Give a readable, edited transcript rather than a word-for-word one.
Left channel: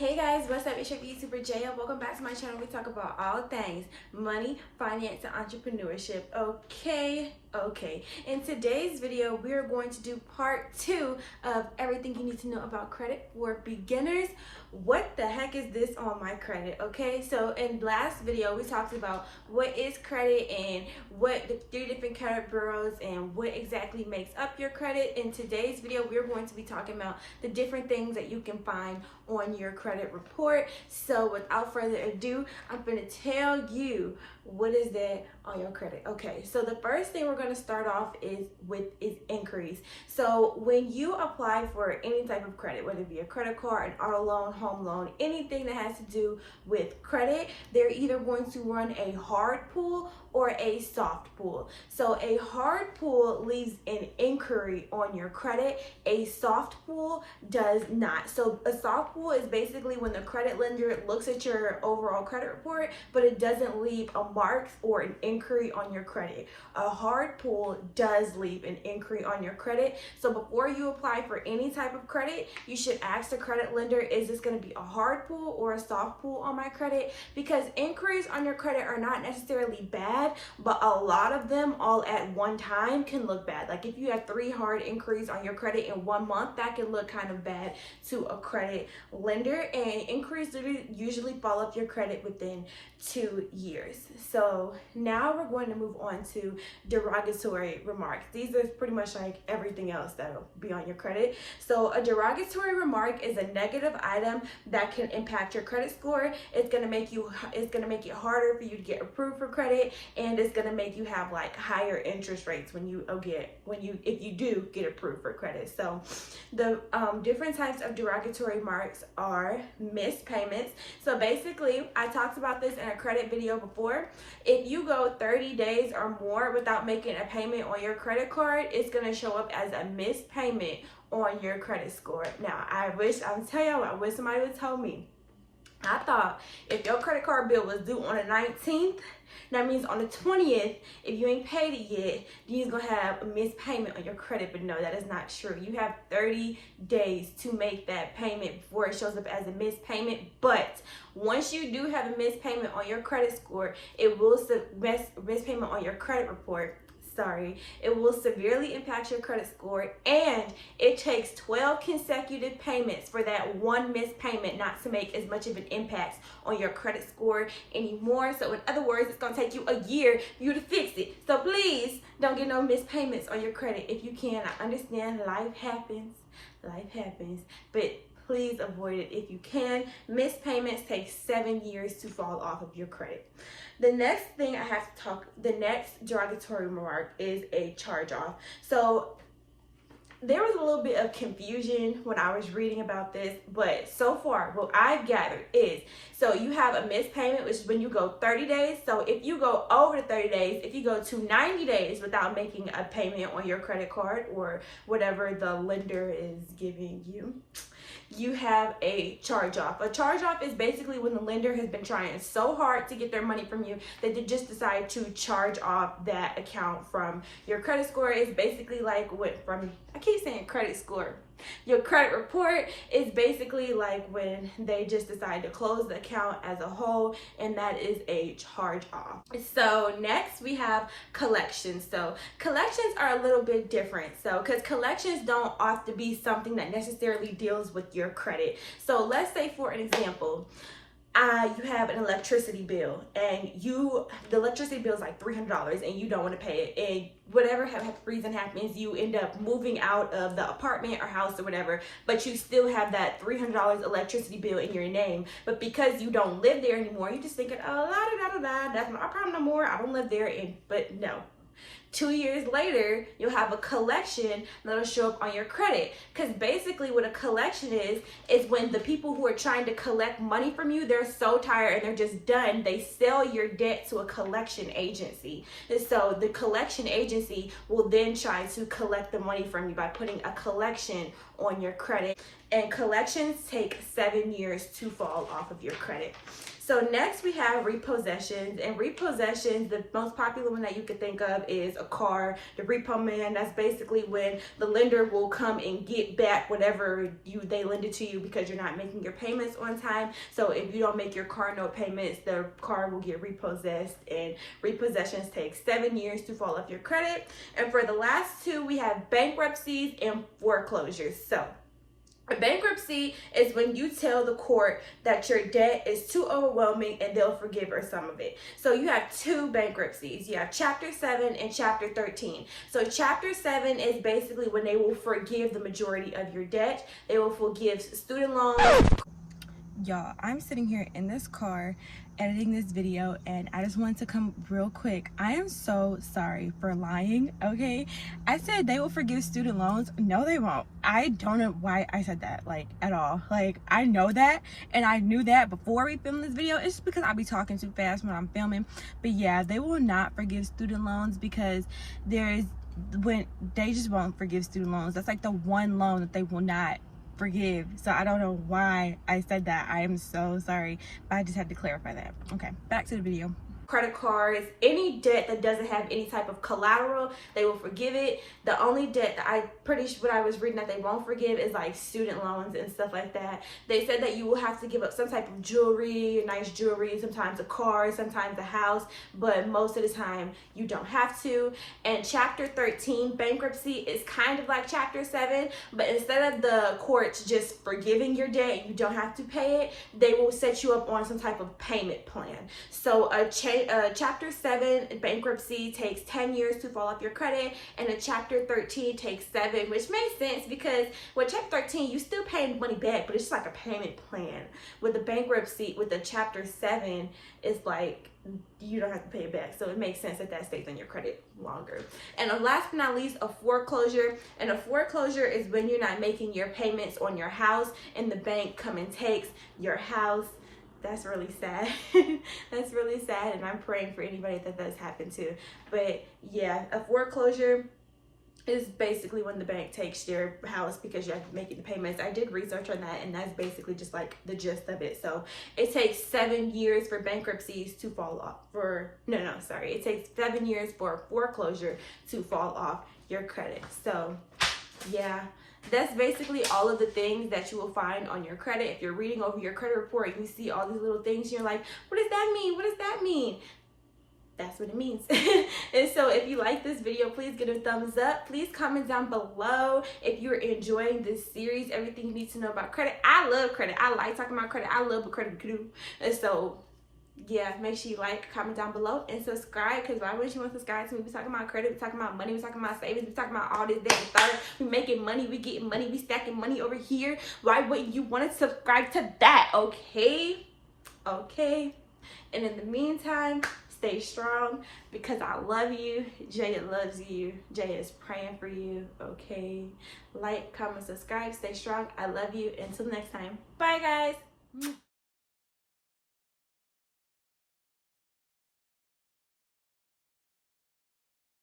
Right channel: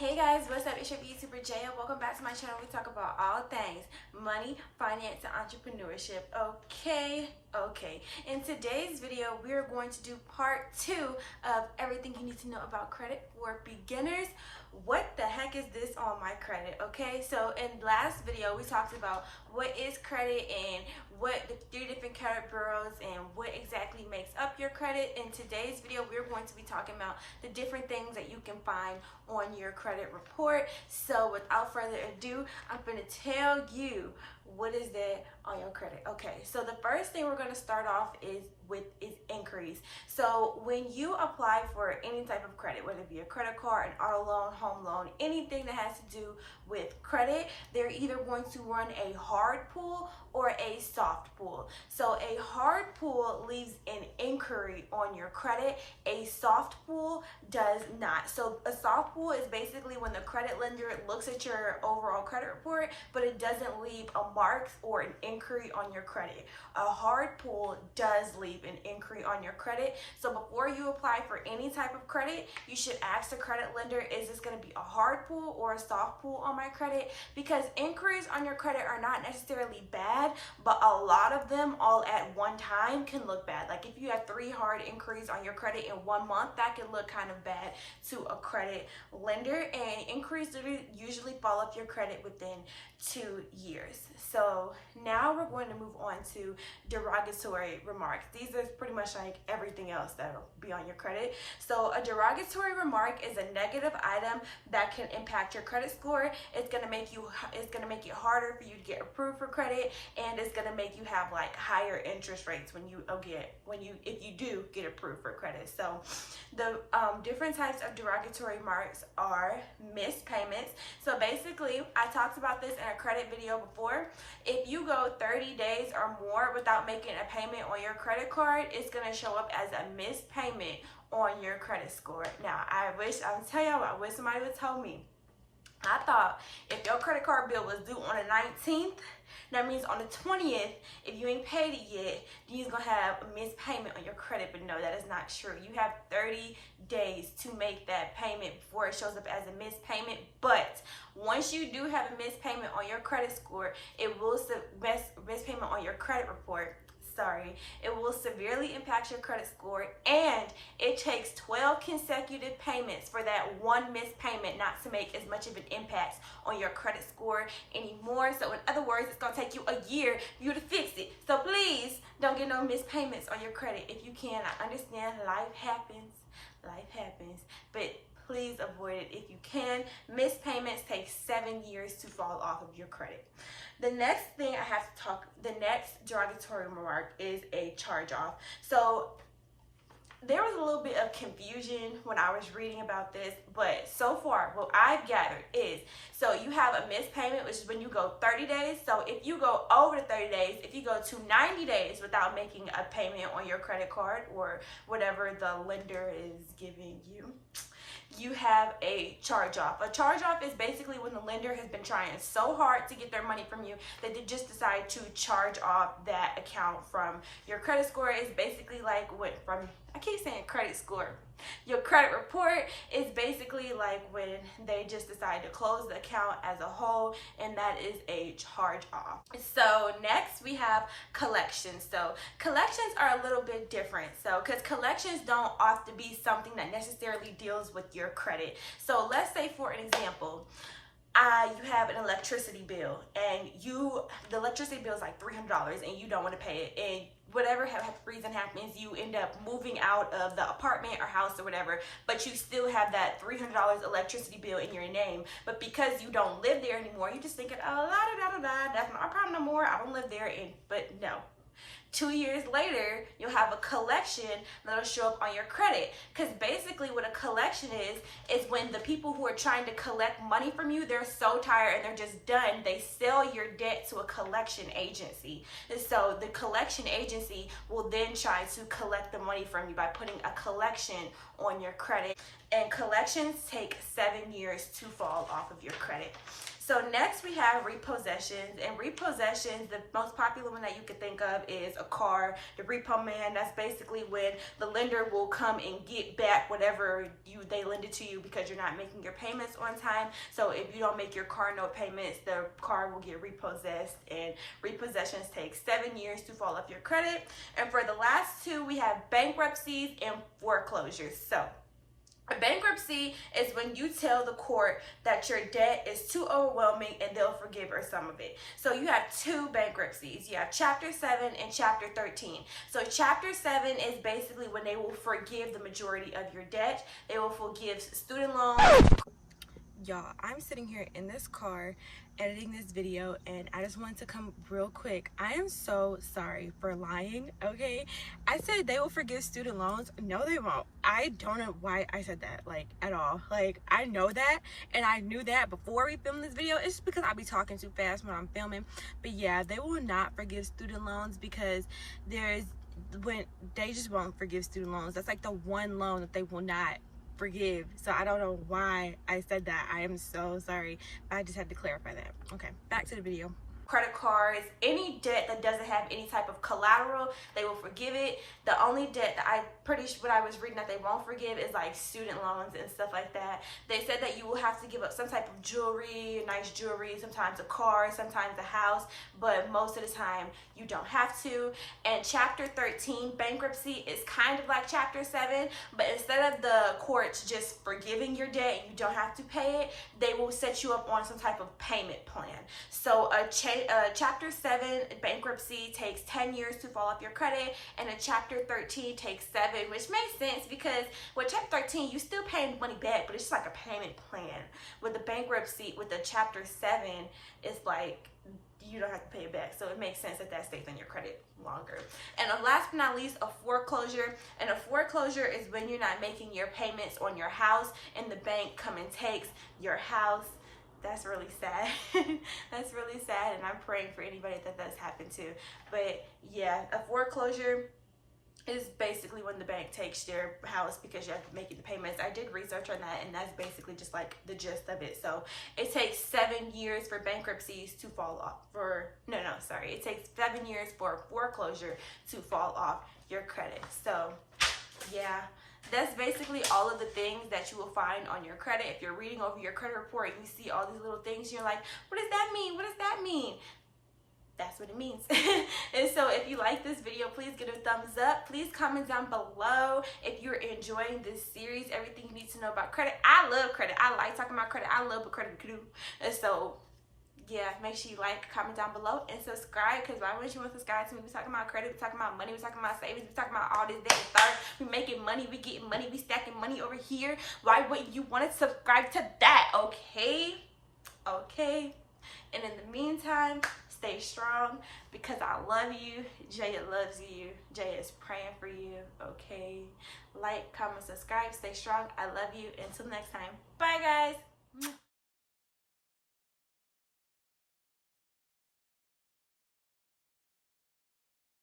Hey guys, what's up? It's your YouTuber Jay, and welcome back to my channel. We talk about all things money, finance, and entrepreneurship. Okay. In today's video, we're going to do part 2 of everything you need to know about credit for beginners. What the heck is this on my credit? Okay, so in last video, we talked about what is credit and what the 3 different credit bureaus and what exactly makes up your credit. In today's video, we're going to be talking about the different things that you can find on your credit report. So without further ado, I'm going to tell you what is that on your credit. Okay, so the first thing we're going to start off is inquiries. So when you apply for any type of credit, whether it be a credit card, an auto loan, home loan, anything that has to do with credit, they're either going to run a hard pull or a soft pull. So a hard pull leaves an inquiry on your credit. A soft pull does not. So a soft pull is basically when the credit lender looks at your overall credit report, but it doesn't leave a mark or an inquiry on your credit. A hard pull does leave an inquiry on your credit. So before you apply for any type of credit, you should ask the credit lender, is this going to be a hard pull or a soft pull on my credit? Because inquiries on your credit are not necessarily bad, but a lot of them all at one time can look bad. Like if you have 3 hard inquiries on your credit in 1 month, that can look kind of bad to a credit lender. And inquiries usually fall off your credit within 2 years. So now we're going to move on to derogatory remarks. These are pretty much like everything else that'll be on your credit. So a derogatory remark is a negative item that can impact your credit score. It's gonna make it harder for you to get approved for credit, and it's gonna make you have like higher interest rates if you do get approved for credit. So the different types of derogatory remarks are missed payments. So basically, I talked about this in a credit video before. If you go 30 days or more without making a payment on your credit card, it's gonna show up as a missed payment on your credit score. Now, I wish somebody would tell me. I thought if your credit card bill was due on the 19th, that means on the 20th, if you ain't paid it yet, then you're gonna have a missed payment on your credit. But no, that is not true. You have 30 days to make that payment before it shows up as a missed payment. But once you do have a missed payment on your credit score, it will missed payment on your credit report. It will severely impact your credit score, and it takes 12 consecutive payments for that one missed payment not to make as much of an impact on your credit score anymore. So in other words, it's going to take you a year for you to fix it. So please don't get no missed payments on your credit if you can. I understand life happens, but please avoid it if you can. Missed payments take 7 years to fall off of your credit. The next thing the next derogatory remark is a charge-off. So there was a little bit of confusion when I was reading about this, but so far what I've gathered is, so you have a missed payment, which is when you go 30 days. So if you go over the 30 days, if you go to 90 days without making a payment on your credit card or whatever the lender is giving you, you have a charge-off. A charge-off is basically when the lender has been trying so hard to get their money from you that they just decide to charge off that account from your credit score. It's basically like I keep saying credit score. Your credit report is basically like when they just decide to close the account as a whole, and that is a charge-off. So next we have collections. So collections are a little bit different. So because collections don't have to be something that necessarily deals with your credit. So let's say, for an example, you have an electricity bill, and the electricity bill is like $300 and you don't want to pay it, and whatever reason happens, you end up moving out of the apartment or house or whatever, but you still have that $300 electricity bill in your name. But because you don't live there anymore, you're just thinking, oh, that's not my problem no more, I don't live there. But no. 2 years later, you'll have a collection that'll show up on your credit. Because basically what a collection is when the people who are trying to collect money from you, they're so tired and they're just done, they sell your debt to a collection agency. And so the collection agency will then try to collect the money from you by putting a collection on your credit. And collections take 7 years to fall off of your credit. So next we have repossessions, and repossessions, the most popular one that you could think of is a car. The repo man, that's basically when the lender will come and get back whatever they lended to you because you're not making your payments on time. So if you don't make your car note payments, the car will get repossessed, and repossessions take 7 years to fall off your credit. And for the last two, we have bankruptcies and foreclosures. So bankruptcy is when you tell the court that your debt is too overwhelming and they'll forgive or some of it. So you have two bankruptcies. You have Chapter 7 and Chapter 13. So Chapter 7 is basically when they will forgive the majority of your debt. They will forgive student loans. Y'all, I'm sitting here in this car editing this video, and I just wanted to come real quick. I am so sorry for lying, okay? I said they will forgive student loans. No, they won't. I don't know why I said that, like, at all. Like, I know that, and I knew that before we filmed this video. It's just because I'll be talking too fast when I'm filming. But yeah, they will not forgive student loans because when they just won't forgive student loans. That's like the one loan that they will not forgive. So I don't know why I said that. I am so sorry, but I just had to clarify that. Okay, back to the video. Credit cards, any debt that doesn't have any type of collateral, they will forgive it. The only debt that I'm pretty sure what I was reading that they won't forgive is like student loans and stuff like that. They said that you will have to give up some type of jewelry, nice jewelry, sometimes a car, sometimes a house, but most of the time you don't have to. And Chapter 13, bankruptcy, is kind of like Chapter 7, but instead of the courts just forgiving your debt, you don't have to pay it, they will set you up on some type of payment plan. So Chapter 7 bankruptcy takes 10 years to fall off your credit, and a Chapter 13 takes 7, which makes sense because with Chapter 13 you still paying money back, but it's just like a payment plan. With the bankruptcy, with the Chapter 7, it's like you don't have to pay it back, so it makes sense that stays on your credit longer. And last but not least, a foreclosure. And a foreclosure is when you're not making your payments on your house and the bank come and takes your house. That's really sad. That's really sad, and I'm praying for anybody that does happen to. But yeah, a foreclosure is basically when the bank takes your house because you have to make the payments. I did research on that, and that's basically just like the gist of it. So it takes 7 years for bankruptcies to fall off. It takes 7 years for a foreclosure to fall off your credit. So yeah, that's basically all of the things that you will find on your credit. If you're reading over your credit report and you see all these little things, you're like, what does that mean? What does that mean? That's what it means. And so if you like this video, please give it a thumbs up. Please comment down below if you're enjoying this series, everything you need to know about credit. I love credit. I like talking about credit. I love what credit can do. And so yeah, make sure you like, comment down below, and subscribe, because why wouldn't you want to subscribe to me? We're talking about credit, we're talking about money, we're talking about savings, we're talking about all this, that, and third. We're making money, we're getting money, we're stacking money over here. Why wouldn't you want to subscribe to that? Okay? Okay. And in the meantime, stay strong, because I love you. Jaya loves you. Jaya is praying for you. Okay? Like, comment, subscribe, stay strong. I love you. Until next time. Bye, guys.